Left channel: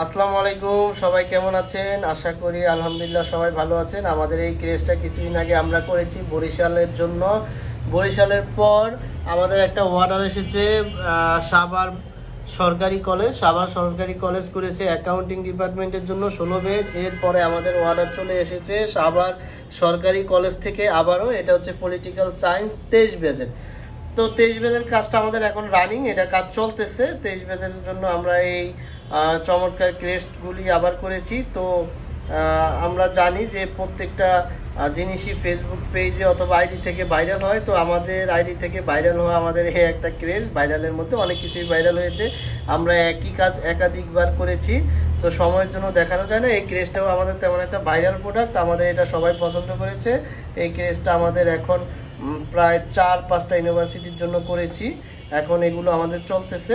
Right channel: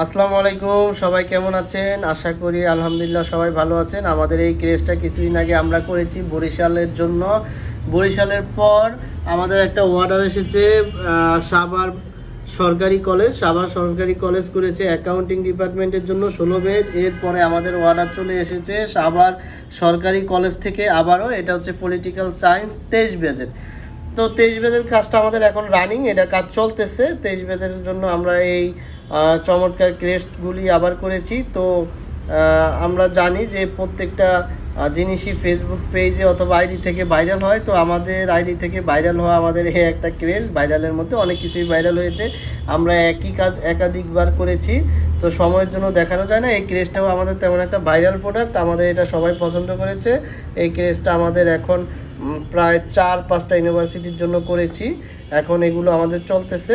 আসসালামু আলাইকুম, সবাই কেমন আছেন? আশা করি আলহামদুলিল্লাহ সবাই ভালো আছেন। আমাদের এই ক্রেজটা কিছুদিন আগে আমরা করেছি বরিশালের জন্য। বরিশালের পর আমাদের একটা অর্ডার এসেছে সাভার সরকারি কলেজ করেছে অ্যাকাউন্টিং ডিপার্টমেন্টের জন্য 16 বেজ। এরপরে আমাদের অর্ডার চলে এসেছে সাভার সরকারি কলেজ থেকে আবারও, এটা হচ্ছে পলিটিক্যাল সায়েন্স 23 বেজের। তো 23 বেজের কাজটা আমাদের এখন রানিং, এটা কাজ চলতেছে। 23 বেজের জন্য আমরা এই চমৎকার ক্রেস্টগুলি আবার করেছি। তো আমরা জানি যে প্রত্যেকটা জিনিসই ফেসবুক পেজে অথবা আইডি থেকে ভাইরাল হয়। তো আমাদের আইডি থেকে ভাইরাল হওয়া আমাদের এই একটা ক্রেজ, ভাইরালের মধ্যে অনেক কিছুই ভাইরাল হয়েছে। আমরা একই কাজ একাধিকবার করেছি, তো সময়ের জন্য দেখানো যায় না। এই ক্রেজটাও আমাদের তেমন একটা ভাইরাল প্রোডাক্ট, আমাদের এটা সবাই পছন্দ করেছে। এই ক্রেজটা আমাদের এখন প্রায় 4-5টা ইউনিভার্সিটির জন্য করেছি। এখন এগুলো আমাদের চলতেছে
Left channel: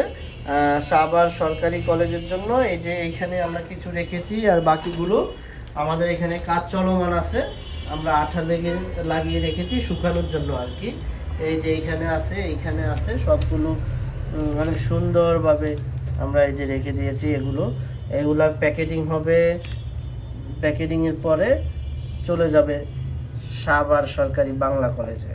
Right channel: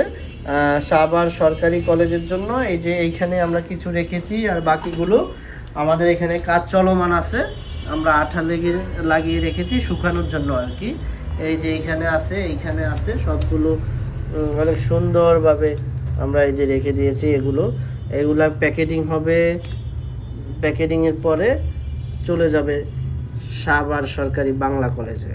সাভার সরকারি কলেজের জন্য। এই যে এইখানে আমরা কিছু রেখেছি, আর বাকিগুলো আমাদের এখানে কাজ চলমান আছে। আমরা আঠা লাগিয়ে রেখেছি শুকানোর জন্য আর কি। এই যে এইখানে আছে সবগুলো অনেক সুন্দরভাবে আমরা এই যে রেখে দিয়েছি। এগুলা প্যাকেটিং হবে, প্যাকেটিংয়ের পরে চলে যাবে সাভার সরকারি বাংলা কলেজে।